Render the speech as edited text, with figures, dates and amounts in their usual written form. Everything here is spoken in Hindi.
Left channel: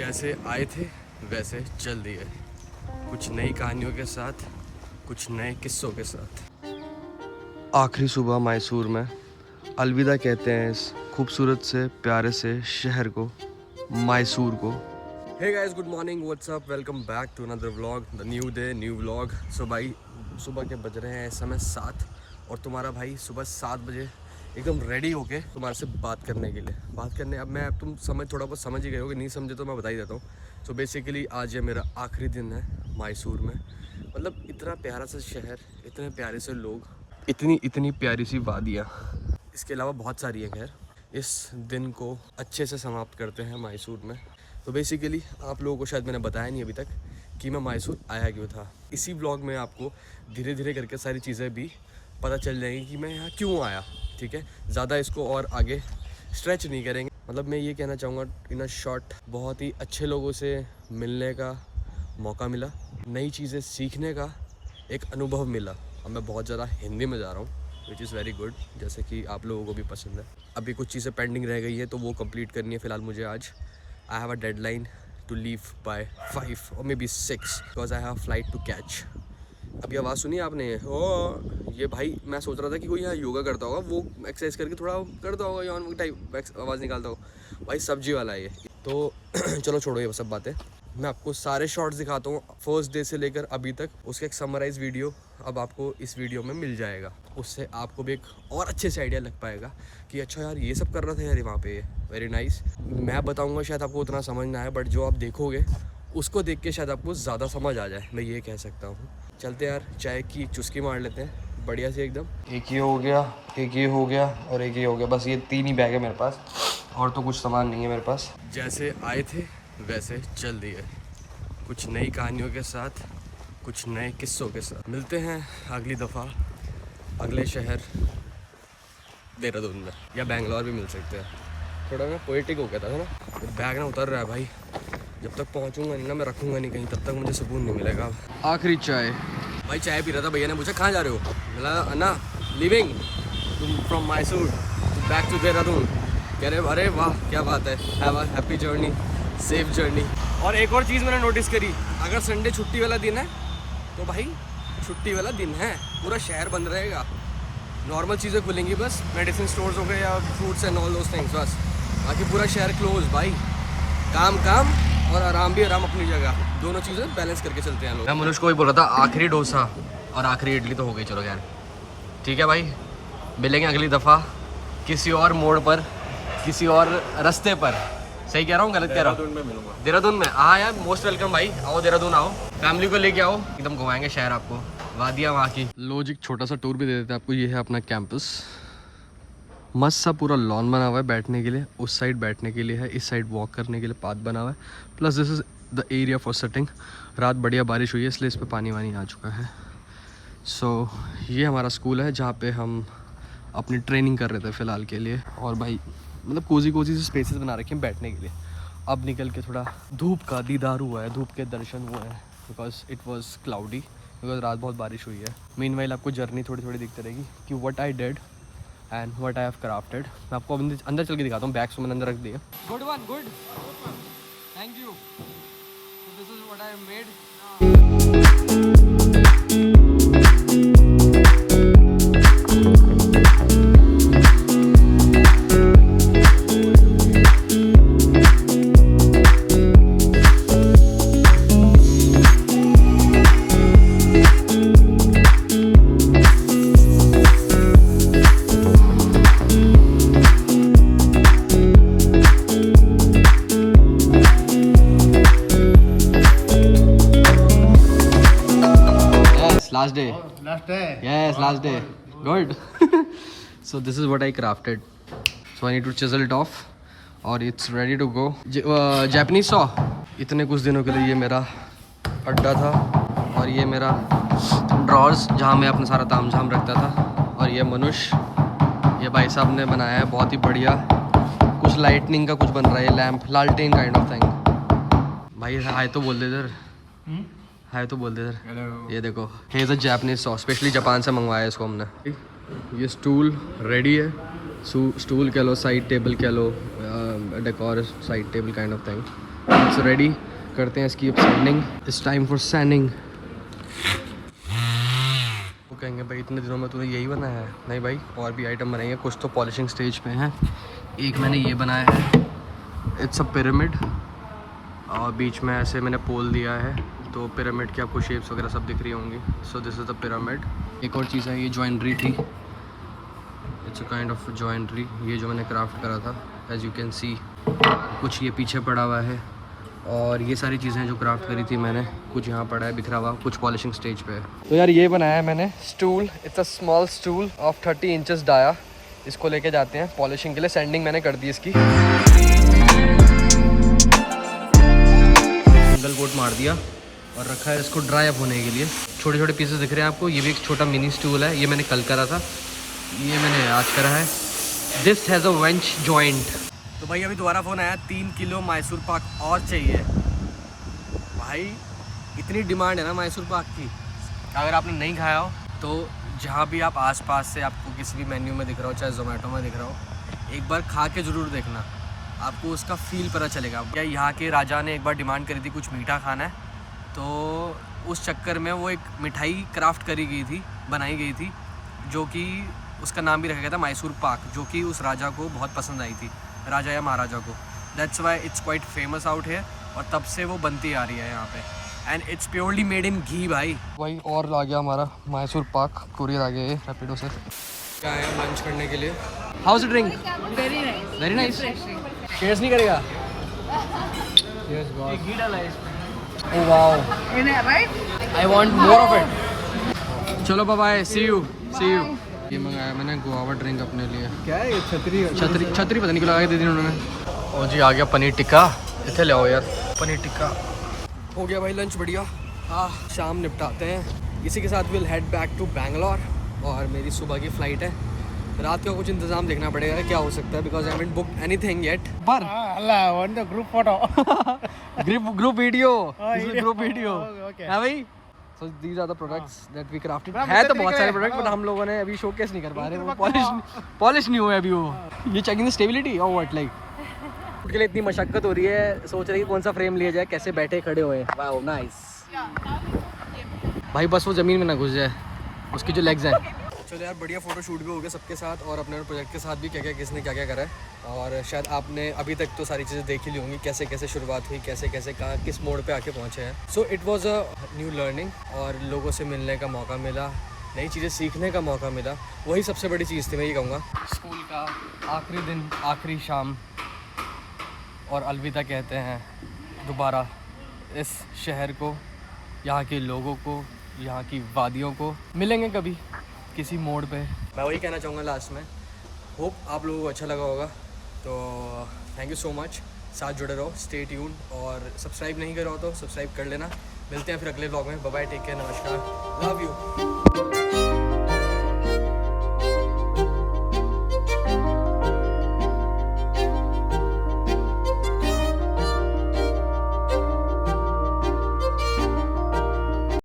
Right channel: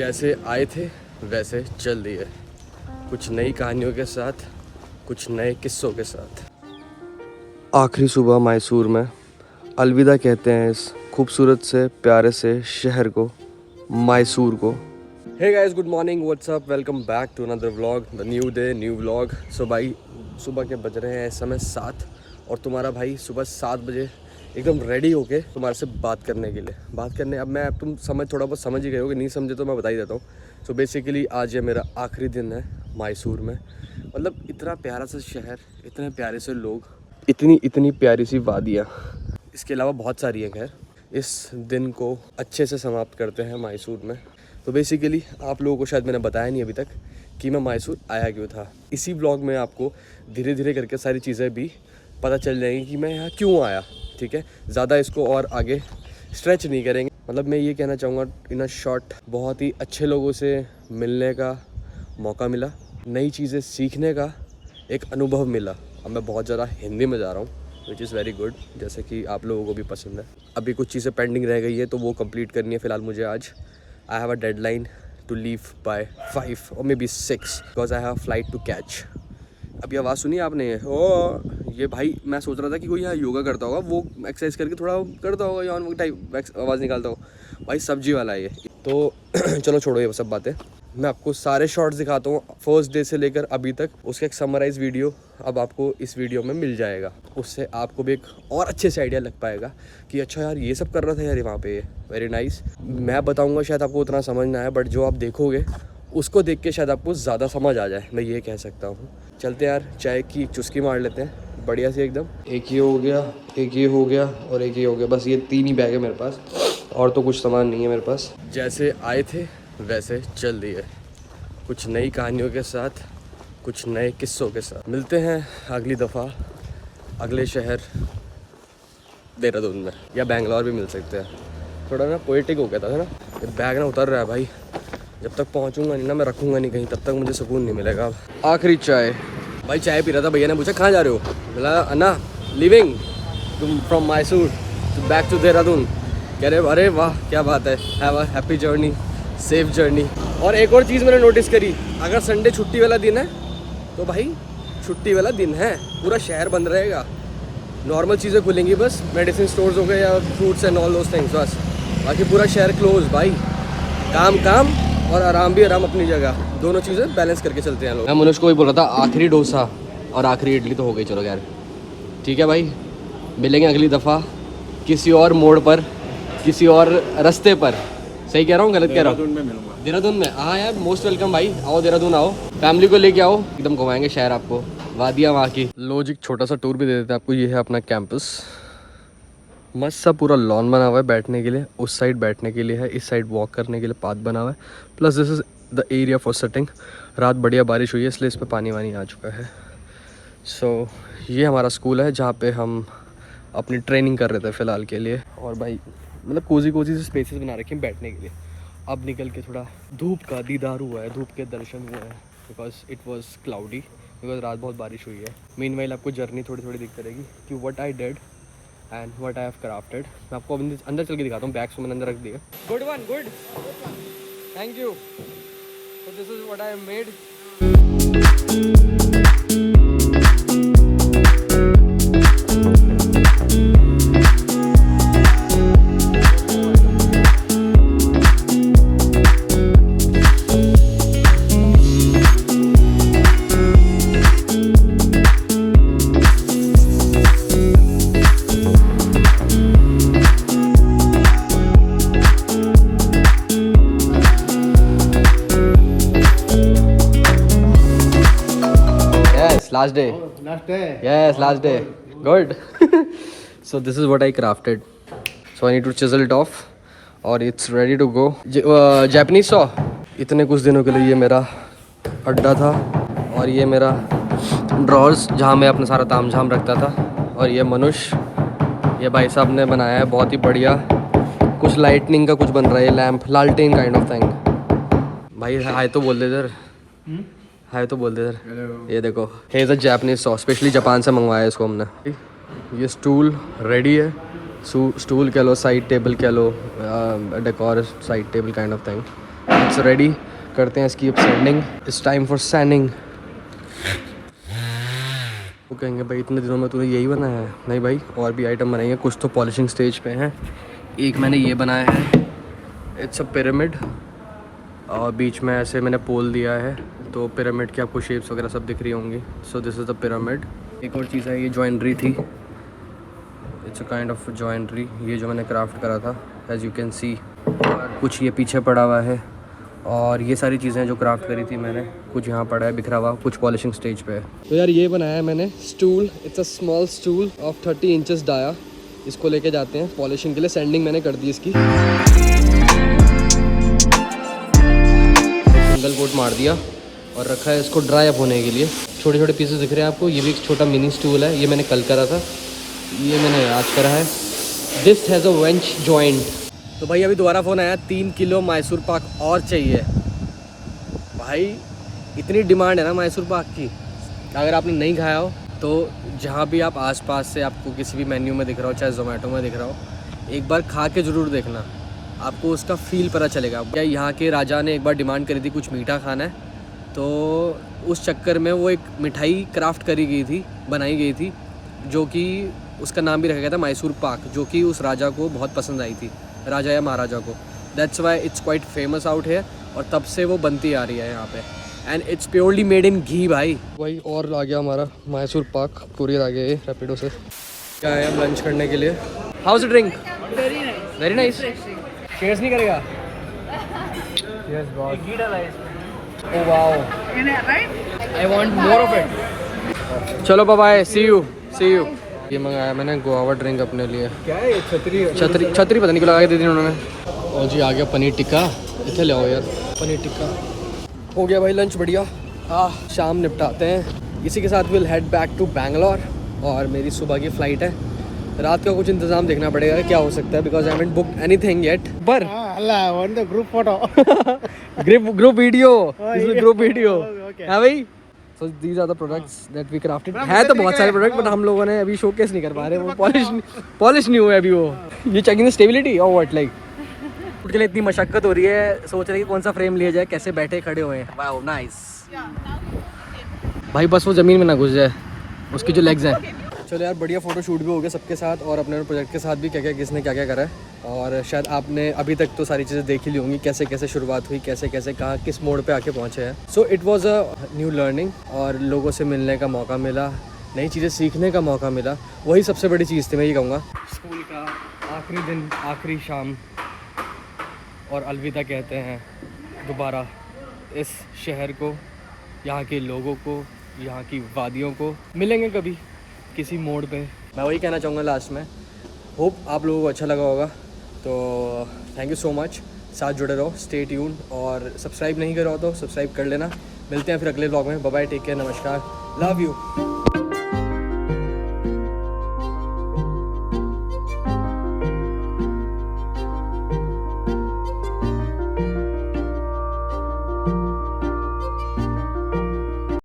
जैसे आए थे वैसे चल दिए, कुछ नई कहानियों के साथ, कुछ नए किस्सों के साथ। आखिरी सुबह मैसूर में अलविदा कहते हैं इस खूबसूरत से प्यारे से शहर को, मैसूर को। Hey guys, good morning, what's up, welcome back to another vlog, the new day new vlog. So भाई सुबह के बज रहे हैं इस समय 7 और तुम्हारा भाई सुबह 7 बजे एकदम रेडी होके तुम्हारे से बात करने के लिए अब तुम थोड़ा बहुत समझ ही गए हो, कि नहीं समझे तो मैं बता ही देता हूँ। सो बेसिकली आज ये मेरा आखिरी दिन है मैसूर में। मतलब इतना प्यारा सा शहर, इतने प्यारे से लोग, इतनी प्यारी सी वादियाँ, इसके अलावा बहुत सारी हैं। खैर, इस दिन को अच्छे से समाप्त करते हैं मैसूर में। तो बेसिकली आप लोगों को शायद मैंने बताया नहीं अभी तक कि मैं मैसूर आया क्यों था। इसी ब्लॉग में आपको धीरे धीरे करके सारी चीज़ें भी पता चल जाएंगी कि मैं यहाँ क्यों आया। ठीक है, ज़्यादा इसको और आगे स्ट्रेच नहीं करेंगे। मतलब मैं ये कहना चाहूँगा इन अ शॉर्ट, बहुत ही अच्छे लोगों से मिलने का मौका मिला, नई चीज़ें सीखने का एक अनुभव मिला। अब मैं बहुत ज़्यादा हिंदी में जा रहा हूँ, विच इज़ वेरी गुड, जैसे कि आप लोगों को भी पसंद है। अभी कुछ चीज़ें पेंडिंग रह गई है तो वो कंप्लीट करनी है फ़िलहाल मुझे। आज I have a deadline to leave by 5 और may be 6 because I have flight to catch. अभी आवाज़ सुनी आपने? ओ ये भाई, मैं सोच रहा था कि कोई यहाँ योगा करता होगा, वो एक्सरसाइज करके थोड़ा करता होगा, यान टाइप आवाज़ निकालता हो। भाई सब्जी वाला है ये तो। चलो छोड़ो ये सब बातें, मैं आपको सारे शॉर्ट्स दिखाता हूँ फर्स्ट डे से लेकर अभी तक। उसका एक समराइज वीडियो अब आपको इस वीडियो में मिल जाएगा। उससे आपको भी एक और अच्छे से आइडिया लग पाएगा कि अच्छा यार ये सब कर रहा था यार वहाँ पे। Very nice. मैं बताऊँगा शायद आपको उतना समझ ना आए, बट जो आप देखोगे उसको देख के शायद आपको ज़्यादा समझ आ जाए, मैं ये कह सकता हूँ। चलते यार, चाय की चुस्की मार लेते हैं बढ़िया से एकदम। एक ये हो गया, एक ये हो गया और एक ये हो गया। बस ये 3 ही बैग है मेरे पास, और तो कुछ सामान नहीं है मेरे पास। जैसे आए थे वैसे चल दिए, कुछ नई कहानियों के साथ, कुछ नए किस्सों के साथ। मिलते हैं अगली दफ़ा अगले शहर देहरादून में, या बेंगलोर भी मिल सकते हैं। थोड़ा ना पोएटिक हो गया था ना। बैग ना उतर रहा है भाई, जब तक पहुंचूंगा नहीं ना, मैं रखूंगा नहीं कहीं, तब तक मुझे सुकून नहीं मिलेगा। आखिरी चाय, भाई चाय पी रहा था, भैया ने पूछा कहाँ जा रहे हो, बोला अन्ना लिविंग तुम from Mysore back to Dehradun. कह रहे अरे वाह क्या बात है, have a happy journey, safe journey. और एक और चीज़ मैंने नोटिस करी, अगर संडे छुट्टी वाला दिन है तो भाई छुट्टी वाला दिन है, पूरा शहर बंद रहेगा, नॉर्मल चीज़ें खुलेंगी, बस मेडिसिन स्टोर्स हो गए या fruits and all those things, बस। बाकी पूरा शहर क्लोज भाई। काम और आराम भी आराम अपनी जगह, दोनों चीज़ें बैलेंस करके चलते हैं लोग। मैं मनुष्य को भी बोल रहा था आखिरी डोसा और आखिरी इडली तो हो गई। चलो यार ठीक है भाई, मिलेंगे अगली दफ़ा किसी और मोड़ पर, किसी और रास्ते पर। सही कह रहा हूँ, गलत कह रहा हूँ? देहरादून में, हाँ यार, मोस्ट वेलकम भाई। आओ देहरादून आओ, फैमिली को लेके आओ, एकदम घुमाएंगे शहर आपको, वादियाँ वहाँ की। लॉजिक छोटा सा टूर भी दे देते हैं आपको। ये है अपना कैंपस, मस्त सा पूरा लॉन बना हुआ है बैठने के लिए। उस साइड बैठने के लिए है, इस साइड वॉक करने के लिए पाथ बना हुआ है। Plus this is the area for sitting. रात बढ़िया बारिश हुई है इसलिए इस पर पानी वानी आ चुका है। सो ये हमारा स्कूल है जहाँ पे हम अपनी ट्रेनिंग कर रहे थे फ़िलहाल के लिए। और भाई मतलब कोजी से स्पेसेस बना रखे हैं बैठने के लिए। अब निकल के थोड़ा धूप का दीदार हुआ है, धूप के दर्शन हुए हैं, because it was cloudy, because रात बहुत बारिश हुई है। मीनवाइल आपको जर्नी थोड़ी थोड़ी दिखती रहेगी कि what I did and what I have crafted. मैं आपको अंदर चल के दिखाता हूँ, बैग्स मैंने अंदर रख दिए। Good one, good, thank you. So this is what I have made. Last day. Last day. Yes, last day. Good. So this is what I crafted. So I need to chisel it off, और it's ready to go. Japanese saw. इतने कुछ दिनों के लिए ये मेरा अड्डा था, और ये मेरा ड्रॉर्स जहाँ मैं अपना सारा ताम झाम रखता था। और ये मनुष्य, ये भाई साहब ने बनाया है बहुत ही बढ़िया, कुछ लाइटनिंग का कुछ बन रहा है, लैम्प, लालटेन काइंड ऑफ थिंग। भाई हाय तो बोल दे इधर, हाय तो बोल दे इधर। ये देखो, he is a Japanese sauce, specially Japan से मंगवाया है इसको हमने। ये स्टूल रेडी है, स्टूल कह लो, साइड टेबल कह लो, decor side table kind of thing. It's ready, करते हैं इसकी अब sanding. It's time for sanding. वो कहेंगे भाई इतने दिनों में तूने यही बनाया है? नहीं भाई, और भी आइटम बनाएंगे, कुछ तो पॉलिशिंग स्टेज पे हैं। एक मैंने ये बनाया है, इट्स अ पिरामिड, और बीच में ऐसे मैंने पोल दिया है, तो पिरामिड की आपको शेप्स वगैरह सब दिख रही होंगी। So this is the pyramid. एक और चीज़ है, ये जॉइंट्री थी, इट्स अ काइंड ऑफ जॉइंट्री, ये जो मैंने क्राफ्ट करा था, एज यू कैन सी। और कुछ ये पीछे पड़ा हुआ है, और ये सारी चीज़ें जो क्राफ्ट करी थी मैंने, कुछ यहाँ पड़ा है बिखरा हुआ, कुछ पॉलिशिंग स्टेज पे है। तो यार ये बनाया है मैंने stool, it's a small stool of 30 inches dia. इसको लेके जाते हैं पॉलिशिंग के लिए। सैंडिंग मैंने कर दी इसकी, सिंगल कोट मार दिया और रखा है इसको ड्राई अप होने के लिए। छोटे छोटे पीसेस दिख रहे हैं आपको, ये भी एक छोटा मिनी स्टूल है, ये मैंने कल करा था, ये मैंने आज करा है। This has a wench joint. तो भाई अभी दोबारा फ़ोन आया, 3 किलो मैसूर पाक और चाहिए। भाई इतनी डिमांड है ना मैसूर पाक की, अगर आपने नहीं खाया हो तो जहाँ भी आप आसपास से आपको किसी भी मेन्यू में दिख रहा हो, चाहे जोमेटो में दिख रहा हो, एक बार खा के ज़रूर देखना, आपको उसका फ़ील पता चलेगा। क्या यहाँ के राजा ने एक बार डिमांड करी थी कुछ मीठा खाना है, तो उस चक्कर में वो एक मिठाई क्राफ्ट करी गई थी, बनाई गई थी, जो कि उसका नाम भी रखा गया था मैसूर पाक, जो कि उस राजा को बहुत पसंद आई थी, राजा या महाराजा को। That's why it's quite famous out है, और तब से वो बनती आ रही है यहाँ पे। And it's purely made in ghee भाई। वही और आ गया हमारा मैसूर पाक, कुरियर आ गया ये रैपिडो से। क्या है हम लंच करने के लिए। House drink? Very nice. Shares नहीं करेगा? Yes boss. Oh wow, I want more of it. चलो bye bye, see you see you. ये मंगाया मैंने गुआवा ड्रिंक अपने लिए। क्या है ये? छतरी छतरी पता नहीं क्यों लगा के दे दी उन्होंने। और जी आ गया पनीर टिक्का, इतने ले आओ यार पनीर टिक्का। हो गया भाई लंच बढ़िया। शाम निपटाते हैं, इसी के साथ will head back to Bangalore, और मेरी सुबह की फ़्लाइट है। रात का कुछ इंतज़ाम देखना पड़ेगा क्या हो सकता है, because I haven't booked anything yet. पर group photo group video, group video है भाई। So these are the products that we crafted. है तो बहुत सारे प्रोडक्ट, बट हम लोगों ने अभी शोकेस नहीं कर पा रहे, वो पॉलिश नहीं हुए अभी वो। ये चेकिंग स्टेबिलिटी और व्हाट लाइक के लिए इतनी मशक्कत हो रही है, सोच रहे हैं कि कौन सा फ्रेम लिया जाए, कैसे बैठे खड़े हुए। वाओ नाइस भाई, बस वो ज़मीन में ना घुस जाए उसकी जो लेग्स हैं। चलो यार बढ़िया फ़ोटो शूट भी हो गया सबके साथ, और अपने प्रोजेक्ट के साथ भी क्या क्या किसने क्या क्या करा है। और शायद आपने अभी तक तो सारी चीज़ें देख ही ली होंगी, कैसे कैसे शुरुआत हुई, कैसे कैसे कहाँ किस मोड़ पे आके पहुँचे हैं। So it was a new learning, और लोगों से मिलने का मौका मिला, नई चीज़ें सीखने का मौका मिला, वही सबसे बड़ी चीज़ थी मैं ये कहूँगा। स्कूल का आखिरी दिन, आखिरी शाम, और अलविदा कहते हैं दोबारा इस शहर को, यहाँ के लोगों को, यहाँ की वादियों को। मिलेंगे कभी किसी मोड़ पे। मैं वही कहना चाहूँगा लास्ट में, होप आप लोगों को अच्छा लगा होगा। तो थैंक यू सो मच, साथ जुड़े रहो, स्टे ट्यून, और सब्सक्राइब नहीं करो तो सब्सक्राइब कर लेना। मिलते हैं फिर अगले व्लॉग में। बाय बाय, टेक केयर, नमस्कार, लव यू।